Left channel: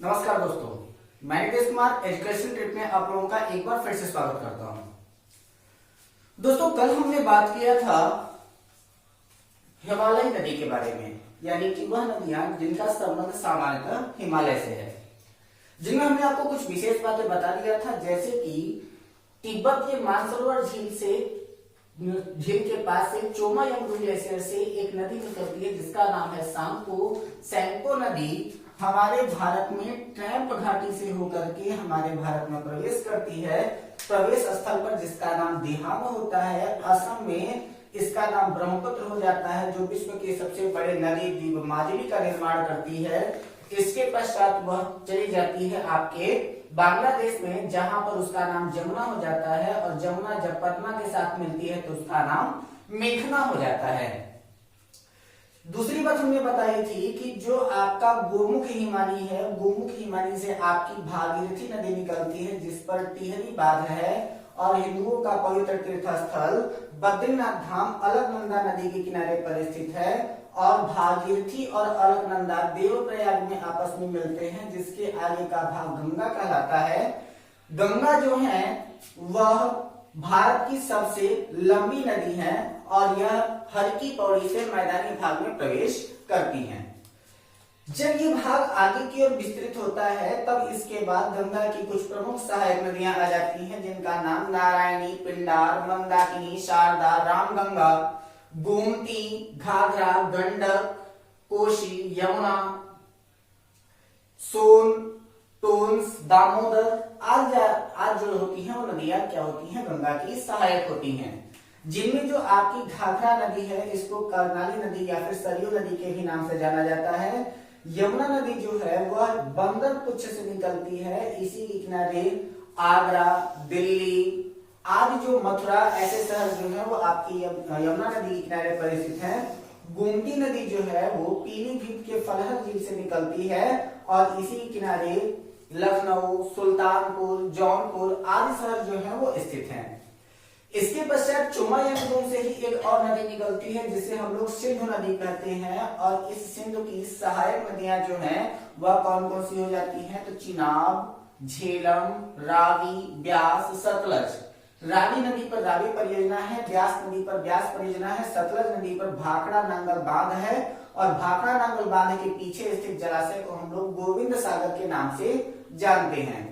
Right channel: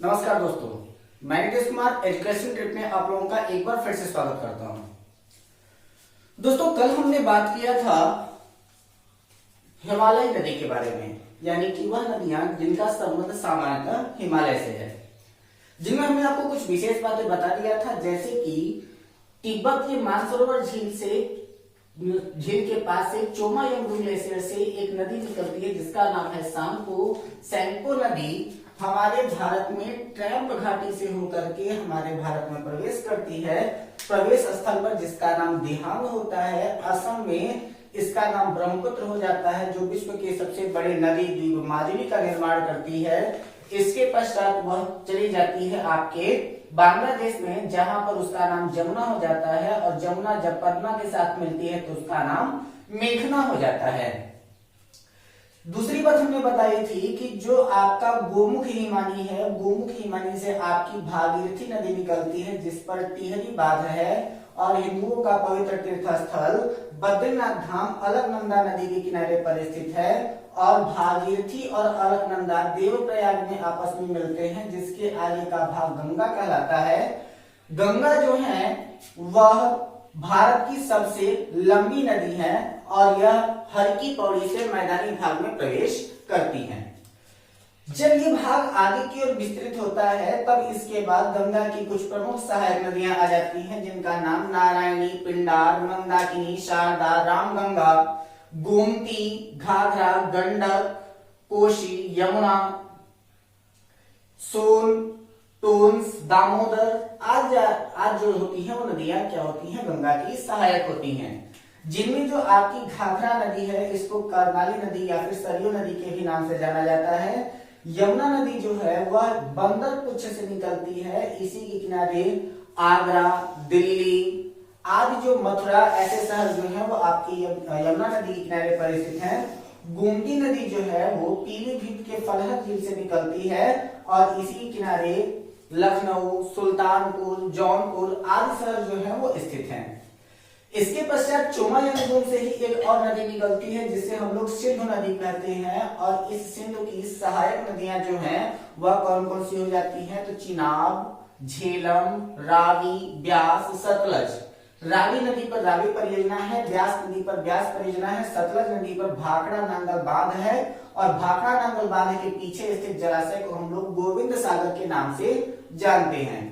नमस्कार दोस्तों, मैं नीतीश कुमार एजुकेशन ट्रिप में आप लोगों का एक बार फिर से स्वागत करता हूं। दोस्तों, कल हमने बात किया था हिमालय नदी के बारे में, यानी कि वह नदियां जिनका संबंध सामान्यतः हिमालय से है, जिनमें हमने आपको कुछ विशेष बातें बता दिया था, जैसे कि तिब्बत के मानसरोवर झील के पास से चोमायंगरू ग्लेशियर से एक नदी निकलती है जिसका नाम है सैंको नदी हमारे भारत में ट्रैप घाटी से होकर के हमारे भारत में प्रवेश करती है। प्रवेश स्थल पर जिसका नाम दिहांग होता है, असम में इसका नाम ब्रह्मपुत्र हो जाता है, जो विश्व के सबसे बड़े नदी द्वीप माजुली का निर्माण करती है। इसके पश्चात वह चली जाती है आपके बांग्लादेश में, जहां पर उसका नाम जमुना हो जाता है, और जमुना जब पद्मा के साथ मिलती है तो उसका नाम मेघना हो जाता है। दूसरी बात हमने बताई थी कि जो आपका गोमुख हिमानी है, गोमुख हिमानी से आपकी भागीरथी नदी निकलती है, जिस पर टिहरी बांध है, और हिंदुओं का पवित्र तीर्थ स्थल बद्रीनाथ धाम अलकनंदा नदी के किनारे पर स्थित है, और भागीरथी और अलकनंदा देवप्रयाग में आपस में मिलते हैं, जिसके आगे का भाग गंगा कहलाता है। गंगा जो है वह भारत की सबसे लंबी नदी है, और यह हर की पौड़ी से मैदानी भाग में प्रवेश करती है। जब ये भाग आगे की ओर विस्तृत होता है, तब इसके बाद गंगा की कुछ प्रमुख सहायक नदियां आ जाती हैं, जिनका नाम नारायणी, पिंडार, मंदाकिनी, शारदा, रामगंगा, गोमती, घाघरा, गंडक, कोशी, यमुना, सोन, टोंस, दामोदर आज जो होती हैं वो नदियां क्या होती हैं, गंगा की सहायक होती हैं। जिनमें जो आपकी घाघरा नदी है, इसको कर्नाली नदी या फिर सरयू नदी के भी नाम से जाना जाता है। यमुना नदी जो है वह बंदर पुच्छ से निकलती है, इसी के किनारे आगरा, दिल्ली आदि जो मथुरा ऐसे शहर जो है वो आपकी यमुना नदी के किनारे पर स्थित है। गोमती नदी जो है वो पीलीभीत के फलहर झील से निकलती है, और इसी किनारे लखनऊ, सुल्तानपुर, जौनपुर आदि शहर जो है वो स्थित हैं। इसके पश्चात चोमायंगरू से ही एक और नदी निकलती है, जिसे हम लोग सिंधु नदी कहते हैं, और इस सिंधु की सहायक नदियां जो हैं वह कौन कौन सी हो जाती हैं, तो चिनाब, झेलम, रावी, ब्यास, सतलज। रावी नदी पर रावी परियोजना है, ब्यास नदी पर ब्यास परियोजना है, सतलज नदी पर भाखड़ा नांगल बांध है, और भाखड़ा नांगल बांध के पीछे स्थित जलाशय को हम लोग गोविंद सागर के नाम से जानते हैं।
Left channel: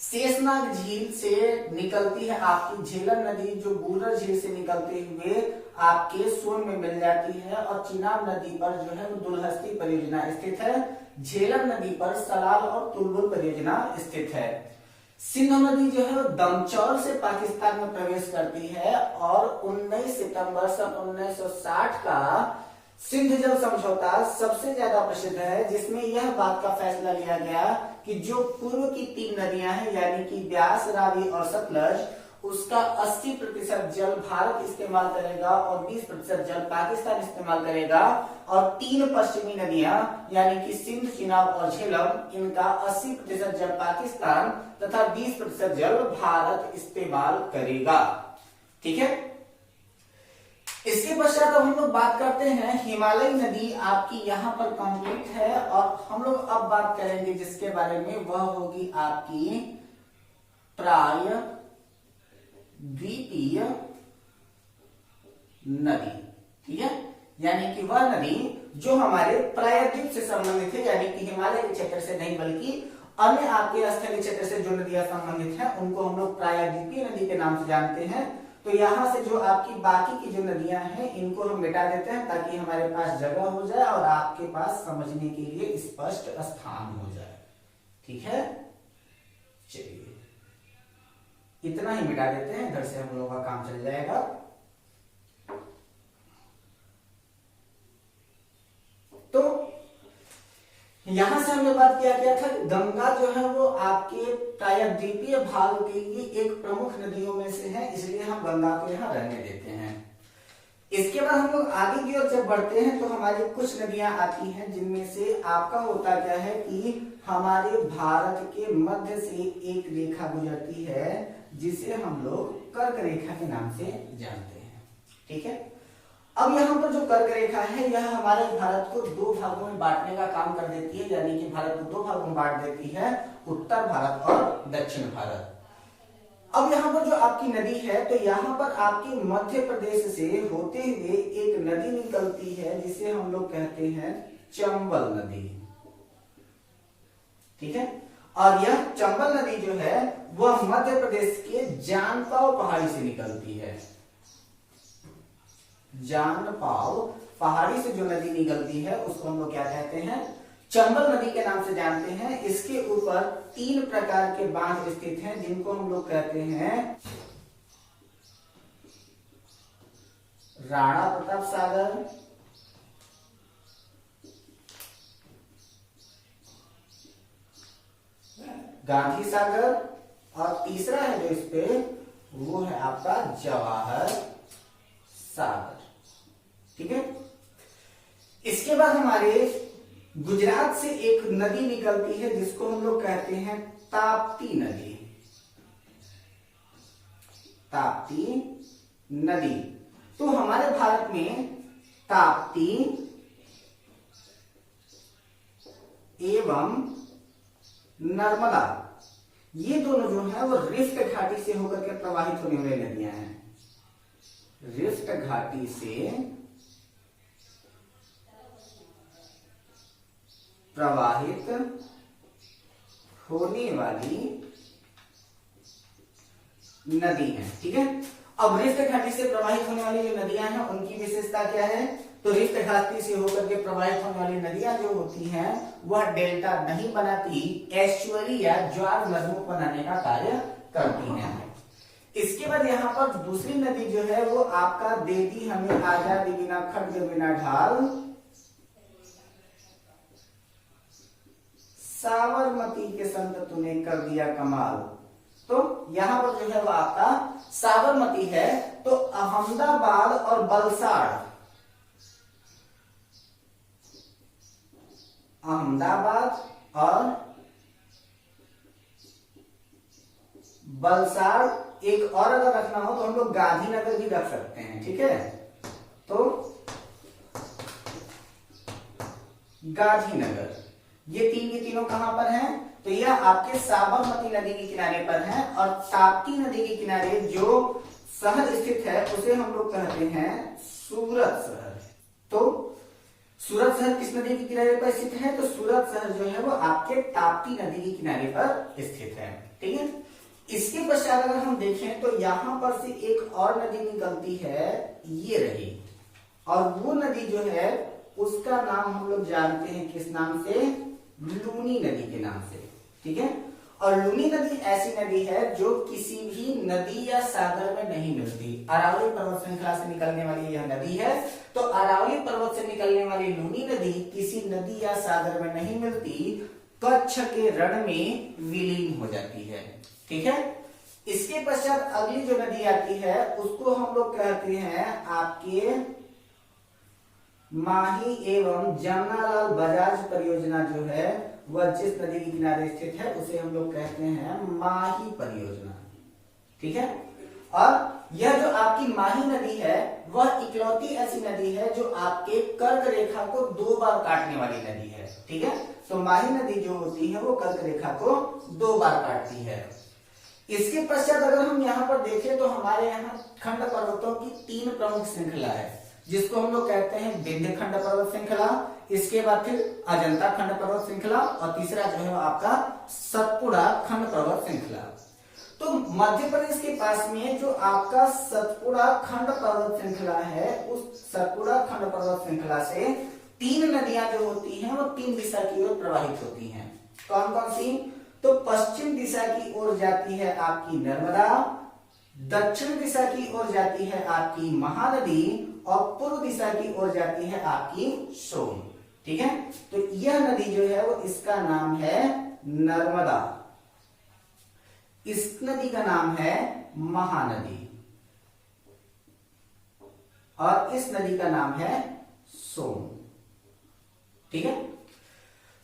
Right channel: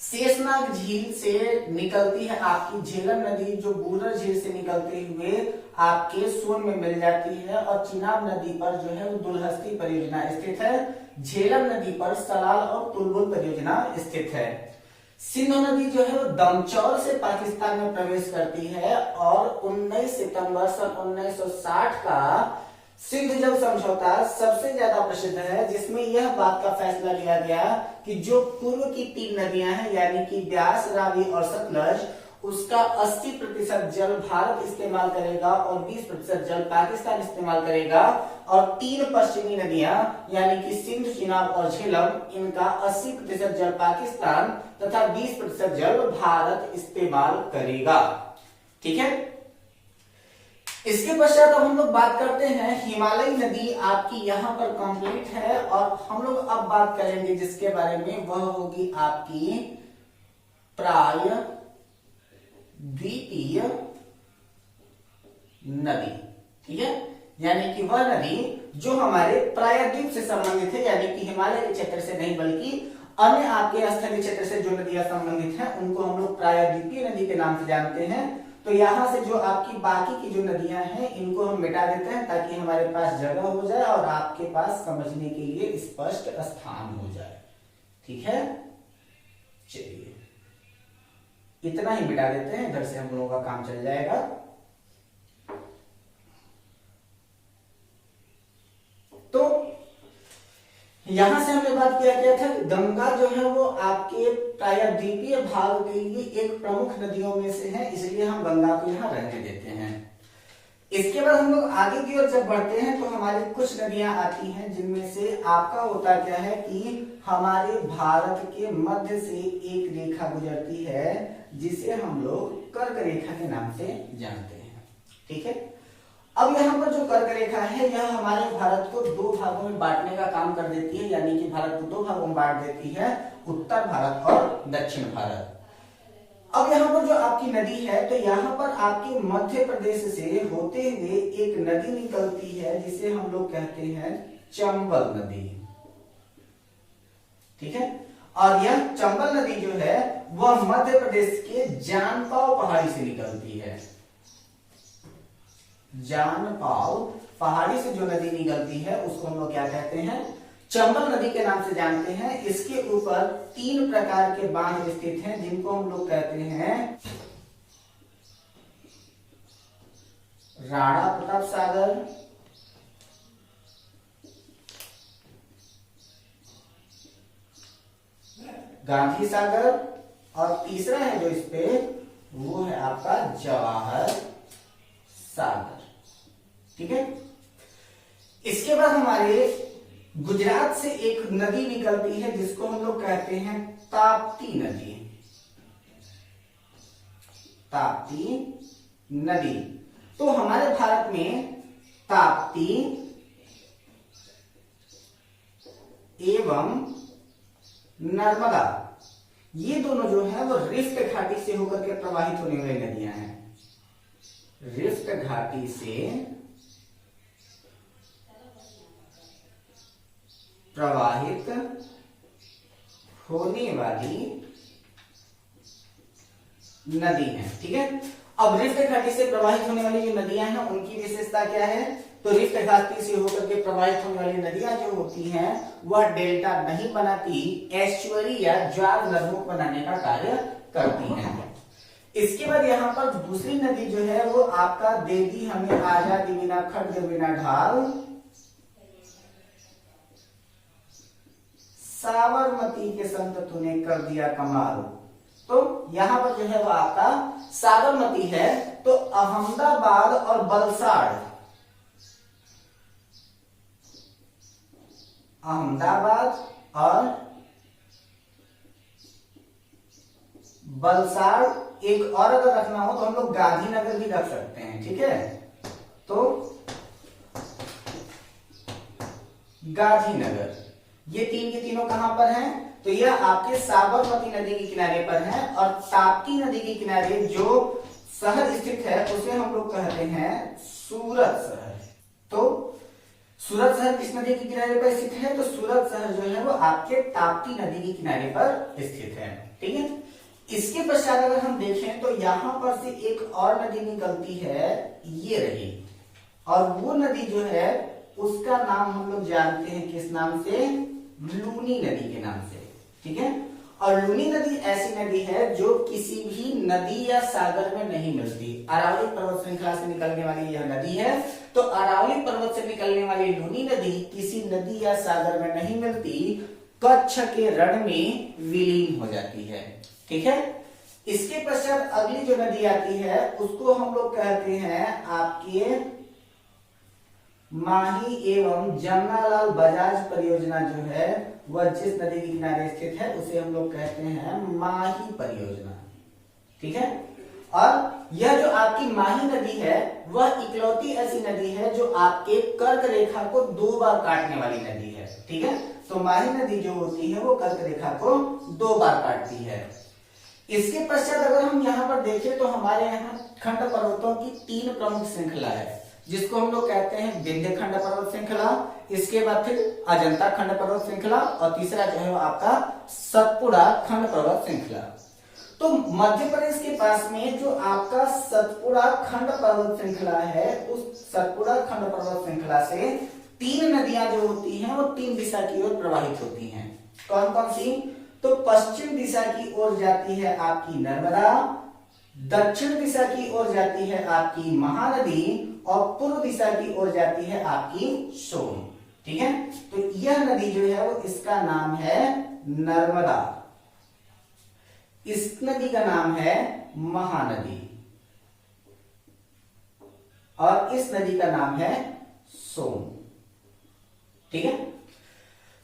शेषनाग झील से निकलती है आपकी झेलम नदी, जो बूलर झील से निकलते हुए आपके सोन में मिल जाती है, और चिनाब नदी पर जो है वो दुलहस्ती परियोजना स्थित है। झेलम नदी पर सलाल और तुलबुल परियोजना स्थित है। सिंधु नदी जो है वो दमचौल से पाकिस्तान में प्रवेश करती है, और 19 सितंबर सन 1960 का सिंध जल समझौता सबसे ज्यादा प्रसिद्ध है, जिसमें यह बात का फैसला लिया गया कि जो पूर्व की 3 नदियां हैं, यानी कि ब्यास, रावी और सतलज, उसका 80% जल भारत इस्तेमाल करेगा और 20% जल पाकिस्तान इस्तेमाल करेगा, और 3 पश्चिमी नदियां यानी कि सिंध, चिनाब और झेलम, इनका 80% जल पाकिस्तान तथा 20% जल भारत इस्तेमाल करेगा। ठीक है। इसके पश्चात अब हम लोग बात करते हैं हिमालय नदी आपकी यहाँ पर कंप्लीट है, और हम लोग अब बात करेंगे जिसके बारे में, वह होगी आपकी प्रायद्वीपीय नदी। ठीक है, यानी कि वह नदी जो हमारे प्रायद्वीप से संबंधित है, यानी कि हिमालय के क्षेत्र से नहीं बल्कि अन्य आपके स्थलीय क्षेत्र से जो नदियां संबंधित हैं उनको हम लोग प्रायद्वीपीय नदी के नाम से जानते हैं। तो यहां से जो आपकी बाकी की जो नदियां हैं इनको हम मिटा देते हैं, ताकि हमारे पास जगह हो जाए और आपके पास समझने के लिए स्पष्ट स्थान हो जाए। ठीक है, चलिए इतना ही मिटा देते हैं, इधर से हम लोगों का काम चल जाएगा। तो यहां से हमने बात किया गया था कि गंगा जो है वो आपके प्रायद्वीपीय भाग के लिए एक प्रमुख नदियों में से है, इसलिए हम गंगा को यहाँ रहने देते हैं। इसके बाद हम लोग आगे की ओर जब बढ़ते हैं तो हमारी कुछ नदियां आती हैं, जिनमें से आपका होता क्या है कि हमारे भारत के मध्य से एक रेखा गुजरती है, जिसे हम लोग कर्क रेखा के नाम से जानते हैं। ठीक है। अब यहाँ पर जो कर्क रेखा है यह हमारे भारत को दो भागों में बांटने का काम कर देती है, यानी कि भारत को दो भागों में बांट देती है, उत्तर भारत और दक्षिण भारत। अब यहाँ पर जो आपकी नदी है, तो यहाँ पर आपके मध्य प्रदेश से होते हुए एक नदी निकलती है जिसे हम लोग कहते हैं चंबल नदी, ठीक है। और यह चंबल नदी जो है वह मध्य प्रदेश के जानपाव पहाड़ी से निकलती है। जानपाव पहाड़ी से जो नदी निकलती है उसको हम लोग क्या कहते हैं, चंबल नदी के नाम से जानते हैं। इसके ऊपर 3 प्रकार के बांध स्थित हैं जिनको हम लोग कहते हैं राणा प्रताप सागर, गांधी सागर, और तीसरा है जो इस पे वो है आपका जवाहर सागर, ठीक है। इसके बाद हमारे गुजरात से एक नदी निकलती है जिसको हम लोग कहते हैं ताप्ती नदी। ताप्ती नदी, तो हमारे भारत में ताप्ती एवं नर्मदा, ये दोनों जो है वो रिफ्ट घाटी से होकर के प्रवाहित होने वाली नदियां हैं। रिफ्ट घाटी से प्रवाहित होने वाली नदी है, ठीक है। अब रिफ्ट घाटी से प्रवाहित होने वाली जो नदियां हैं उनकी विशेषता क्या है, तो रिफ्ट घाटी से होकर के प्रवाहित होने वाली नदियां जो होती हैं वह डेल्टा नहीं बनाती, एस्चुअरी या ज्वार नदों बनाने का कार्य करती हैं। इसके बाद यहाँ पर दूसरी नदी जो है वो आपका देदी हमें आजादी बिना खड्ग बिना ढाल साबरमती के संत तूने कर दिया कमाल। तो यहां पर जो है वो आपका साबरमती है, तो अहमदाबाद और वलसाड, अहमदाबाद और वलसाड, एक और अगर रखना हो तो हम लोग गांधीनगर भी रख सकते हैं, ठीक है। तो गांधीनगर, ये तीन के तीनों कहां पर हैं, तो यह आपके साबरमती नदी के किनारे पर हैं। और ताप्ती नदी के किनारे जो शहर स्थित है उसे हम लोग कहते हैं सूरत शहर। तो सूरत शहर किस नदी के किनारे पर स्थित है, तो सूरत शहर जो है वो आपके ताप्ती नदी के किनारे पर स्थित है, ठीक है। इसके पश्चात अगर हम देखें तो यहां पर से एक और नदी निकलती है, ये रही, और वो नदी जो है उसका नाम हम लोग जानते हैं किस नाम से, लूनी नदी के नाम से, ठीक है। और लूनी नदी ऐसी नदी है जो किसी भी नदी या सागर में नहीं मिलती। अरावली पर्वत श्रृंखला से निकलने वाली यह नदी है, तो अरावली पर्वत से निकलने वाली लूनी नदी किसी नदी या सागर में नहीं मिलती, कच्छ के रण में विलीन हो जाती है, ठीक है। इसके पश्चात अगली जो नदी आती है उसको हम लोग कहते हैं आपके माही एवं जमनालाल बजाज परियोजना जो है वह जिस नदी के किनारे स्थित है उसे हम लोग कहते हैं माही परियोजना, ठीक है। और यह जो आपकी माही नदी है वह इकलौती ऐसी नदी है जो आपके कर्क रेखा को 2 बार काटने वाली नदी है, ठीक है। तो माही नदी जो होती है वो कर्क रेखा को 2 बार काटती है। इसके पश्चात अगर हम यहाँ पर देखें तो हमारे यहाँ खंड पर्वतों की 3 प्रमुख श्रृंखला है, जिसको हम लोग कहते हैं विंध्य खंड पर्वत श्रृंखला, इसके बाद फिर अजंता खंड पर्वत श्रृंखला, और तीसरा जो है आपका सतपुड़ा खंड पर्वत श्रृंखला। तो मध्य प्रदेश के पास में जो आपका सतपुड़ा खंड पर्वत श्रृंखला है, उस सतपुड़ा खंड पर्वत श्रृंखला से 3 नदियां जो होती हैं वो 3 दिशा की ओर प्रवाहित होती हैं। कौन कौन सी, तो पश्चिम दिशा की ओर जाती है आपकी नर्मदा, दक्षिण दिशा की ओर जाती है आपकी महानदी, और पूर्व दिशा की ओर जाती है आपकी सोन, ठीक है। तो यह नदी जो है वो इसका नाम है नर्मदा, इस नदी का नाम है महानदी, और इस नदी का नाम है सोन, ठीक है।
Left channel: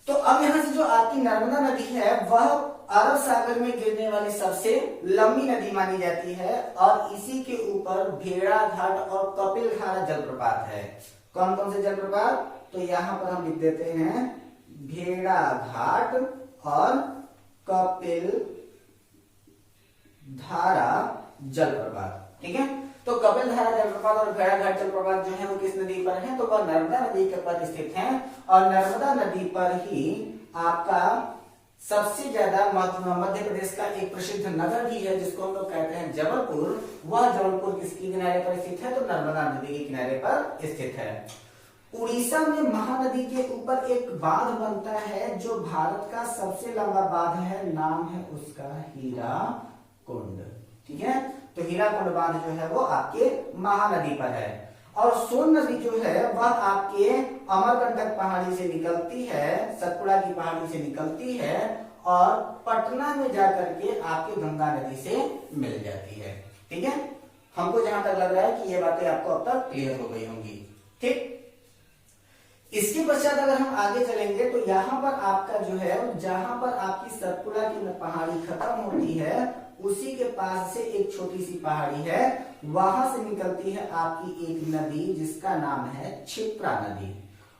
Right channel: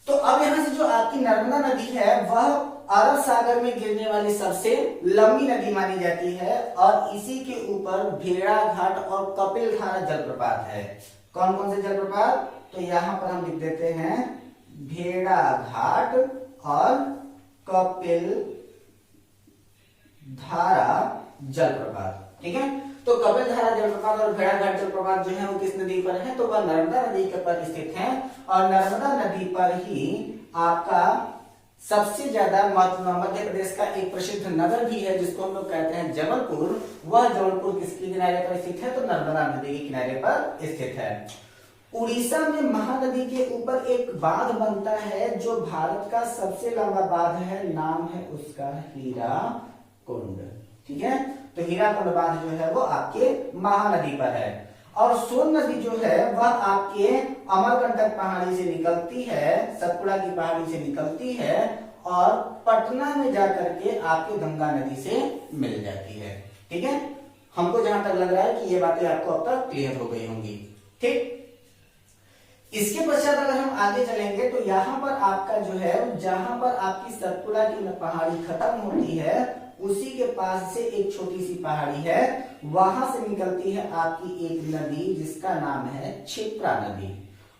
तो अब यहां से जो आपकी नर्मदा नदी है वह अरब सागर में गिरने वाली सबसे लंबी नदी मानी जाती है और इसी के ऊपर भेड़ा घाट और कपिल धारा जलप्रपात है। कौन कौन से जलप्रपात? तो यहां पर हम लिख देते हैं भेड़ा घाट और कपिल धारा जलप्रपात। ठीक है, तो कपिल धारा जलप्रपात और भेड़ा घाट जलप्रपात जो है वो किस नदी पर है? तो वह नर्मदा नदी के पर स्थित है और नर्मदा नदी पर ही आपका सबसे ज्यादा मध्य प्रदेश का एक प्रसिद्ध नगर भी है जिसको हम लोग कहते हैं जबलपुर। वह जबलपुर किसके किनारे पर स्थित है? तो नर्मदा नदी के किनारे पर स्थित है। उड़ीसा में महानदी के ऊपर एक बांध बनता है जो भारत का सबसे लंबा बांध है, नाम है उसका हीराकुंड। ठीक है, तो हीराकुंड बांध जो है वो आपके महानदी पर है। और सोन नदी जो है वह आपके अमरकंटक पहाड़ी से निकलती है, सतपुड़ा की पहाड़ी से निकलती है और पटना में जाकर के आपके गंगा नदी से मिल जाती है। ठीक है, हमको जहां तक लग रहा है कि ये बातें आपको अब तक क्लियर हो गई होंगी। ठीक, इसके पश्चात अगर हम आगे चलेंगे तो यहाँ पर आपका जो है, जहां पर आपकी सतपुड़ा की पहाड़ी खत्म होती है उसी के पास से एक छोटी सी पहाड़ी है, वहां से निकलती है आपकी एक नदी जिसका नाम है क्षिप्रा नदी।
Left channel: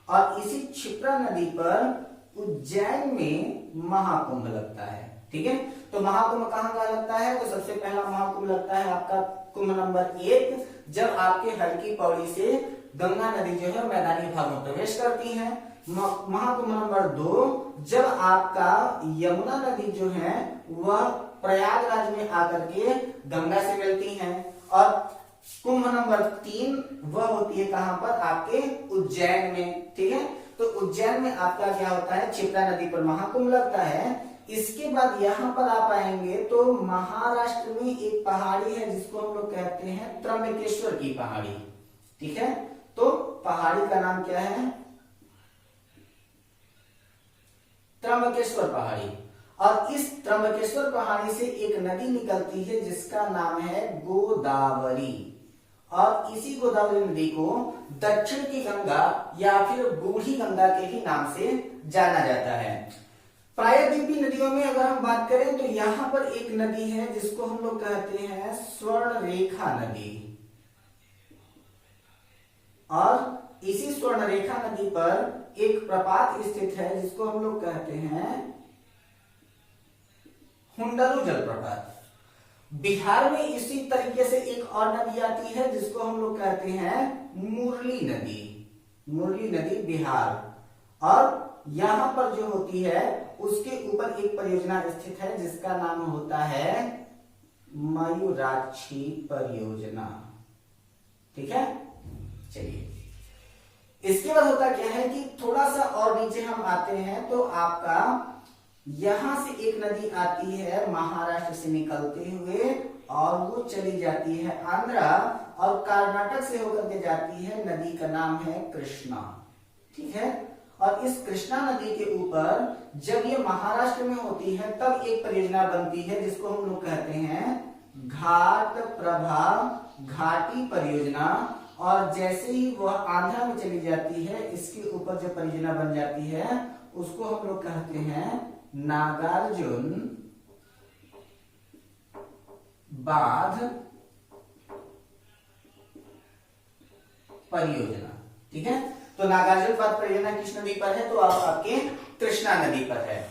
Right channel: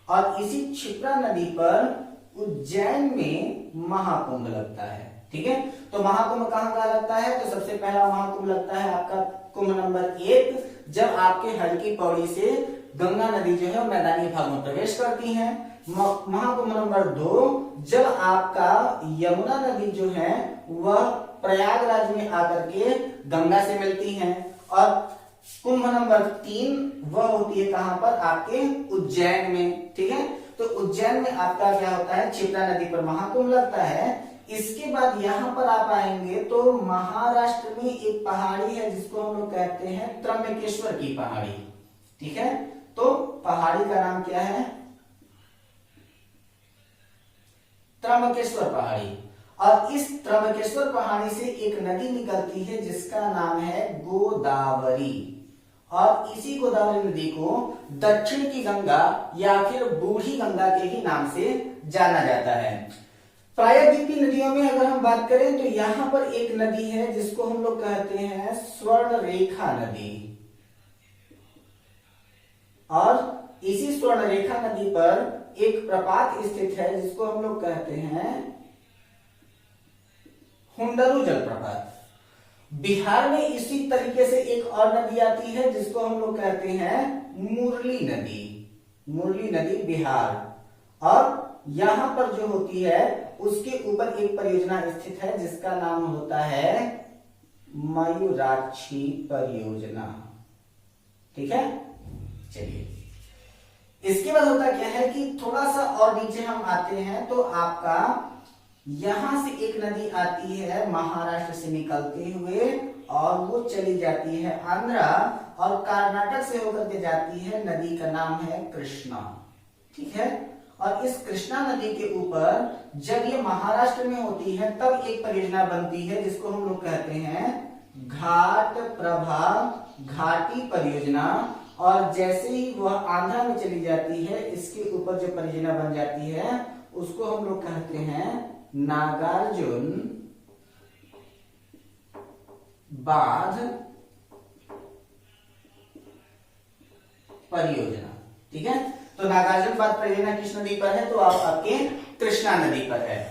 और इसी क्षिप्रा नदी पर उज्जैन में महाकुंभ लगता है। ठीक है, तो महाकुंभ कहाँ लगता है? तो सबसे पहला महाकुंभ लगता है आपका कुंभ नंबर 1, जब आपके हल्की पौड़ी से गंगा नदी जो है मैदानी भाग में प्रवेश करती है। महाकुंभ नंबर 2, जब आपका यमुना नदी जो है वह प्रयागराज में आकर के गंगा से मिलती हैं। और कुंभ नंबर 3 वह होती है कहां पर? आपके उज्जैन में। ठीक है, तो उज्जैन में आपका क्या होता है? क्षिप्रा नदी पर महाकुंभ लगता है। इसके बाद यहां पर आप आएंगे तो महाराष्ट्र में एक पहाड़ी है जिसको हम लोग कहते हैं त्र्यंबकेश्वर की पहाड़ी। ठीक है, तो पहाड़ी का नाम क्या है? त्र्यंबकेश्वर पहाड़ी। और इस त्र्यंबकेश्वर पहाड़ी से एक नदी निकलती है जिसका नाम है गोदावरी। और इसी गोदावरी नदी को दक्षिण की गंगा या फिर बूढ़ी गंगा के ही नाम से जाना जाता है। प्रायद्वीपी नदियों में अगर हम बात करें तो यहां पर एक नदी है जिसको हम लोग कहते हैं स्वर्णरेखा नदी। और इसी स्वर्णरेखा नदी पर एक प्रपात स्थित है जिसको हम लोग कहते हैं हुंडरू जलप्रपात। बिहार में इसी तरीके से एक और नदी आती है जिसको हम लोग कहते हैं मुरली नदी। मुरली नदी बिहार। और यहां पर जो होती है उसके ऊपर एक परियोजना स्थित है जिसका नाम होता है मयूराक्षी परियोजना। ठीक है, चलिए इसके बाद होता क्या है कि थोड़ा सा और नीचे हम आते हैं तो आपका यहां से एक नदी आती है महाराष्ट्र से निकलते हुए और वो चली जाती है आंध्रा और कर्नाटक से होकर के जाती है। नदी का नाम है कृष्णा। ठीक है, और इस कृष्णा नदी के ऊपर जब ये महाराष्ट्र में होती है तब एक परियोजना बनती है जिसको हम लोग कहते हैं घाट प्रभा घाटी परियोजना। और जैसे ही वह आंध्रा में चली जाती है इसके ऊपर जो परियोजना बन जाती है उसको हम लोग कहते हैं नागार्जुन बांध परियोजना। ठीक है, तो नागार्जुन बांध परियोजना किस नदी पर है? तो आपके कृष्णा नदी पर है।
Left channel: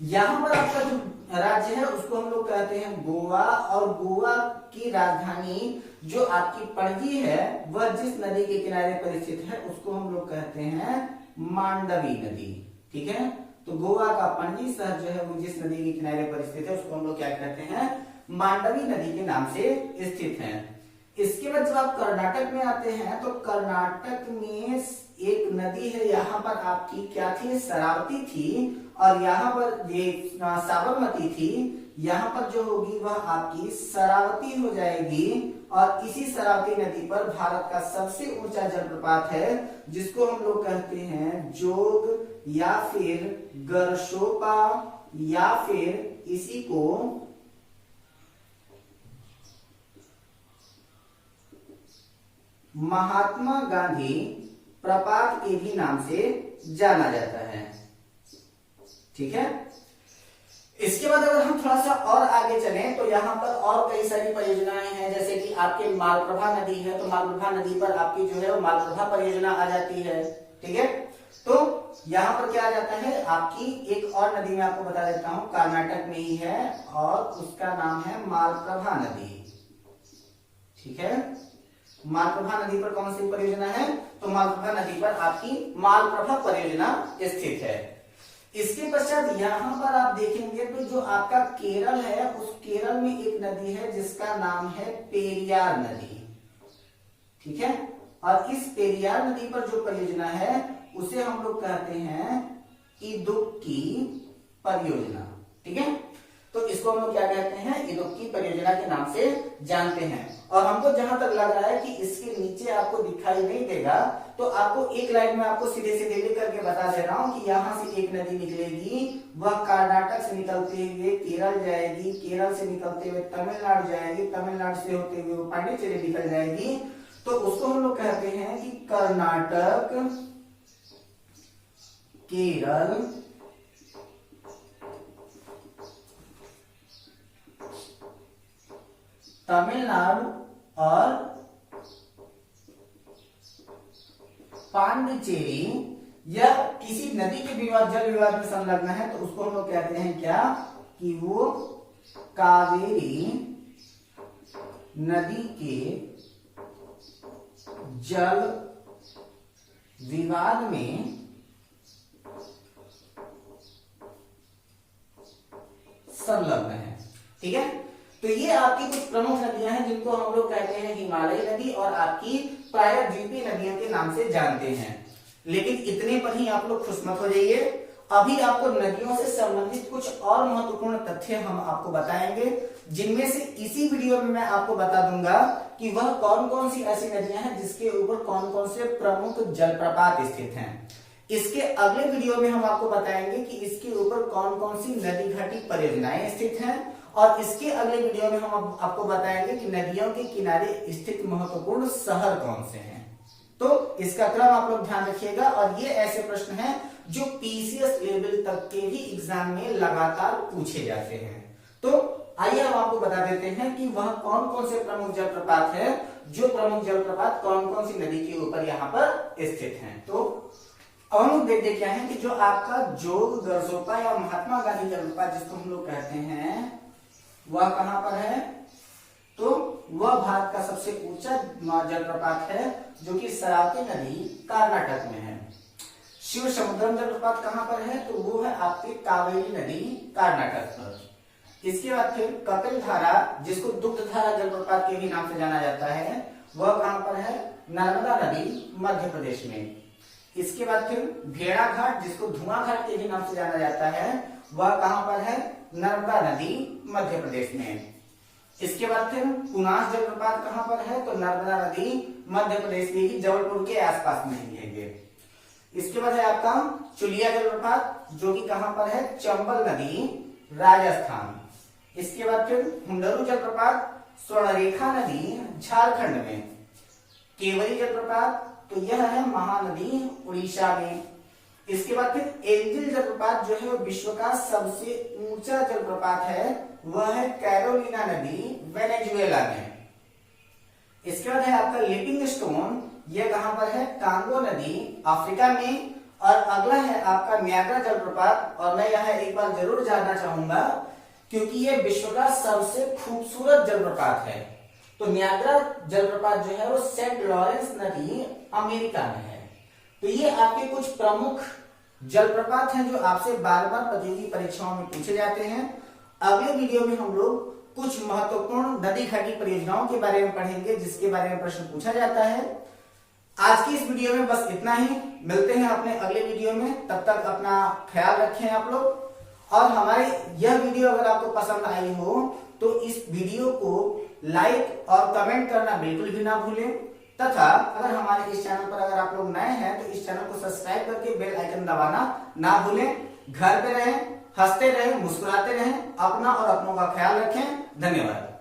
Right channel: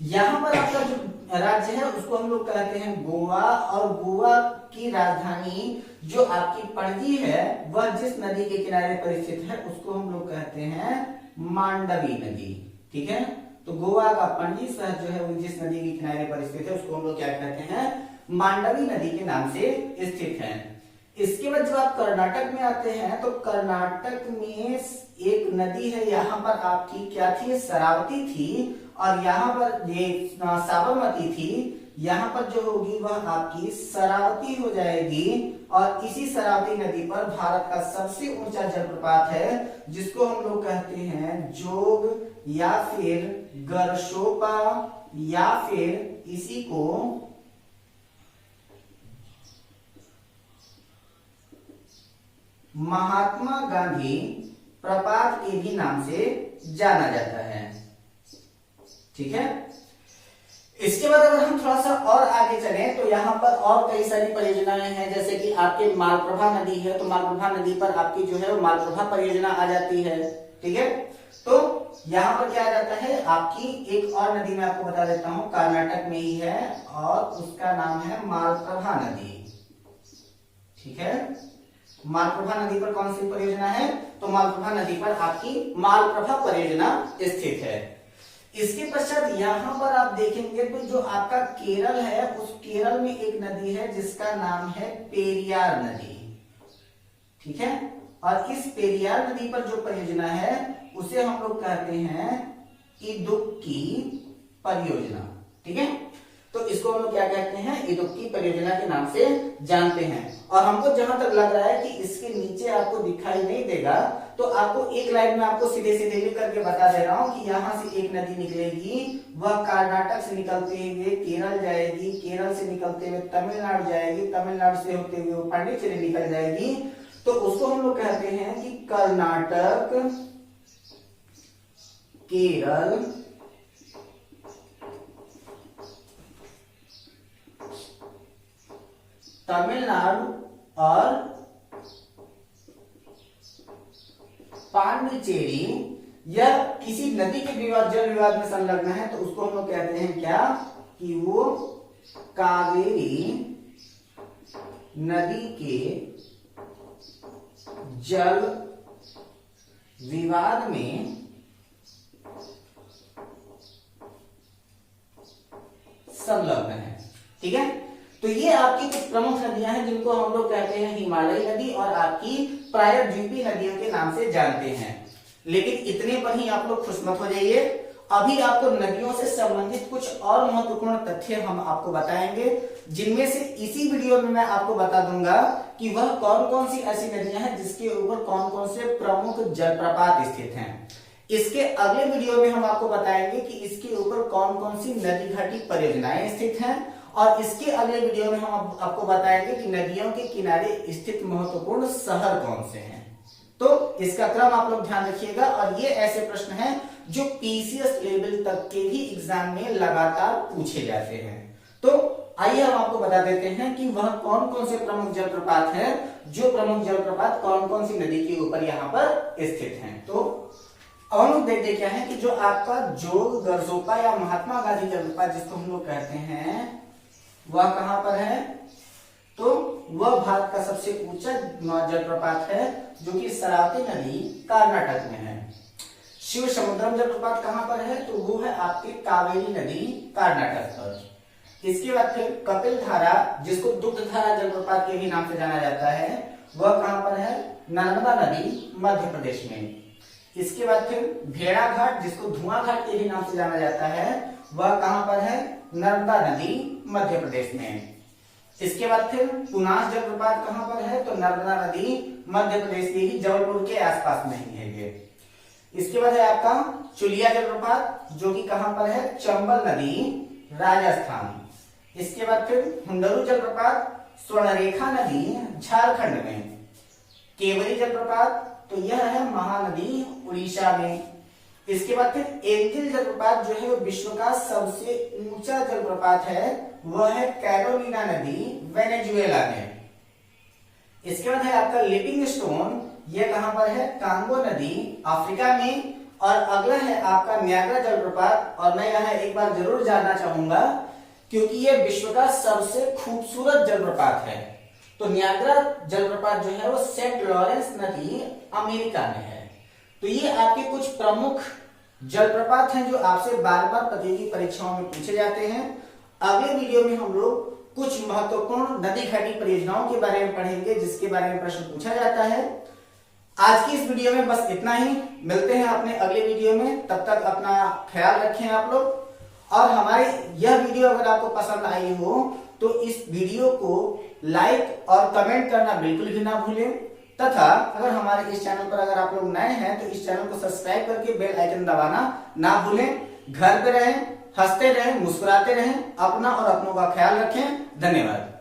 यहां पर आपका जो राज्य है उसको हम लोग कहते हैं गोवा। और गोवा की राजधानी जो आपकी पणजी है वह जिस नदी के किनारे पर स्थित है उसको हम लोग कहते हैं मांडवी नदी। ठीक है, तो गोवा का पणजी शहर जो है वो जिस नदी के किनारे पर स्थित है उसको हम लोग क्या कहते हैं? मांडवी नदी के नाम से स्थित है। इसके बाद जब आप कर्नाटक में आते हैं तो कर्नाटक में एक नदी है, यहाँ पर आपकी क्या थी? शरावती थी। और यहाँ पर ये साबरमती थी, यहाँ पर जो होगी वह आपकी शरावती हो जाएगी। और इसी शरावती नदी पर भारत का सबसे ऊंचा जलप्रपात है जिसको हम लोग कहते हैं जोग या फिर गरशोपा या फिर इसी को महात्मा गांधी प्रपात के भी नाम से जाना जाता है। ठीक है, इसके बाद अगर हम थोड़ा सा और आगे चलें तो यहाँ पर और कई सारी परियोजनाएं हैं, जैसे कि आपके मालप्रभा नदी है, तो मालप्रभा नदी पर आपकी जो है वो मालप्रभा परियोजना आ जाती है। ठीक है, तो यहाँ पर क्या आ जाता है, आपकी एक और नदी मैं आपको बता देता हूँ, कर्नाटक में ही है और उसका नाम है मालप्रभा नदी। ठीक है, मालप्रभा नदी पर कौन सी परियोजना है, तो मालप्रभा नदी पर आपकी मालप्रभा परियोजना स्थित है। इसके पश्चात यहाँ पर आप देखेंगे तो जो आपका केरल है, उस केरल में एक नदी है जिसका नाम है पेरियार नदी। ठीक है, और इस पेरियार नदी पर जो परियोजना है उसे हम लोग कहते हैं इदुक्की परियोजना। ठीक है, तो इसको हम लोग क्या कहते हैं, इदुक्की परियोजना के नाम से जानते हैं। और हमको जहां तक लग रहा है कि इसके नीचे आपको दिखाई नहीं देगा, तो आपको एक लाइन में आपको सीधे सीधे लिख करके बता दे रहा हूं कि यहां से एक नदी निकलेगी, वह कर्नाटक से निकलते हुए केरल जाएगी, केरल से निकलते हुए तमिलनाडु जाएगी, तमिलनाडु से होते हुए पांडिचेरी निकल जाएगी, तो उसको हम लोग कहते हैं कि कर्नाटक, केरल, तमिलनाडु और पांडिचेरी, या किसी नदी के विवाद, जल विवाद में संलग्न है, तो उसको हम लोग कहते हैं क्या, कि वो कावेरी नदी के जल विवाद में संलग्न है। ठीक है, तो ये आपकी कुछ प्रमुख नदियां हैं जिनको हम लोग कहते हैं हिमालयी नदी और आपकी प्रायद्वीपीय नदियों के नाम से जानते हैं। लेकिन इतने पर ही आप लोग खुश मत हो जाइए, अभी आपको नदियों से संबंधित कुछ और महत्वपूर्ण तथ्य हम आपको बताएंगे, जिनमें से इसी वीडियो में मैं आपको बता दूंगा कि वह कौन कौन सी ऐसी नदियां हैं जिसके ऊपर कौन कौन से प्रमुख जलप्रपात स्थित हैं। इसके अगले वीडियो में हम आपको बताएंगे कि इसके ऊपर कौन कौन सी नदी घाटी परियोजनाएं स्थित हैं, और इसके अगले वीडियो में हम आपको बताएंगे कि नदियों के किनारे स्थित महत्वपूर्ण शहर कौन से हैं। तो इसका क्रम आप लोग ध्यान रखिएगा, और ये ऐसे प्रश्न हैं जो पीसीएस लेवल तक के भी एग्जाम में लगातार पूछे जाते हैं। तो आइए हम आपको बता देते हैं कि वह कौन कौन से प्रमुख जलप्रपात है, जो प्रमुख जलप्रपात कौन कौन सी नदी के ऊपर यहाँ पर स्थित हैं। तो अब हम लोग देखते क्या है कि जो आपका जोग गरजोपा या महात्मा गांधी जलप्रपात जिसको हम लोग कहते हैं, वह कहां पर है, तो वह भारत का सबसे ऊंचा जलप्रपात है जो कि शरावती नदी कर्नाटक में है। शिव समुद्रम जलप्रपात कहां पर है, तो वो है आपकी कावेरी नदी कर्नाटक पर। इसके बाद फिर कपिल धारा जिसको दुग्ध धारा जलप्रपात के भी नाम से जाना जाता है, वह कहां पर है, नर्मदा नदी मध्य प्रदेश में। इसके बाद फिर भेड़ा घाट जिसको धुआं घाट के भी नाम से जाना जाता है, वह कहां पर है, नर्मदा नदी मध्य प्रदेश में। इसके बाद फिर पुनास जलप्रपात कहां पर है, तो नर्मदा नदी मध्य प्रदेश के ही जबलपुर के आसपास में ही है ये। इसके बाद है आपका चुलिया जलप्रपात जो कि कहां पर है, चंबल नदी राजस्थान। इसके बाद फिर हुंडरू जलप्रपात स्वर्णरेखा नदी झारखंड में। केवरी जलप्रपात तो यह है महानदी उड़ीसा में। इसके बाद फिर एंजिल जलप्रपात जो है वो विश्व का सबसे ऊंचा जलप्रपात है, वह है कैरोलिना नदी वेनेजुएला में। इसके बाद है आपका लिविंग स्टोन, यह कहां पर है, कांगो नदी अफ्रीका में। और अगला है आपका न्यागरा जलप्रपात, और मैं यहाँ एक बार जरूर जानना चाहूंगा क्योंकि यह विश्व का सबसे खूबसूरत जलप्रपात है। तो न्यागरा जलप्रपात जो है वो सेंट लॉरेंस नदी अमेरिका में है। तो ये आपके कुछ प्रमुख जलप्रपात हैं जो आपसे बार बार प्रतियोगी परीक्षाओं में पूछे जाते हैं। अगले वीडियो में हम लोग कुछ महत्वपूर्ण नदी घाटी परियोजनाओं के बारे में पढ़ेंगे जिसके बारे में प्रश्न पूछा जाता है। आज की इस वीडियो में बस इतना ही, मिलते हैं अपने अगले वीडियो में, तब तक अपना ख्याल रखें आप लोग। और हमारी यह वीडियो अगर आपको पसंद आई हो तो इस वीडियो को लाइक और कमेंट करना बिल्कुल भी ना भूलें, तथा अगर हमारे इस चैनल पर अगर आप लोग नए हैं तो इस चैनल को सब्सक्राइब करके बेल आइकन दबाना ना भूलें। घर पे रहें, हंसते रहें, मुस्कुराते रहें, अपना और अपनों का ख्याल रखें। धन्यवाद।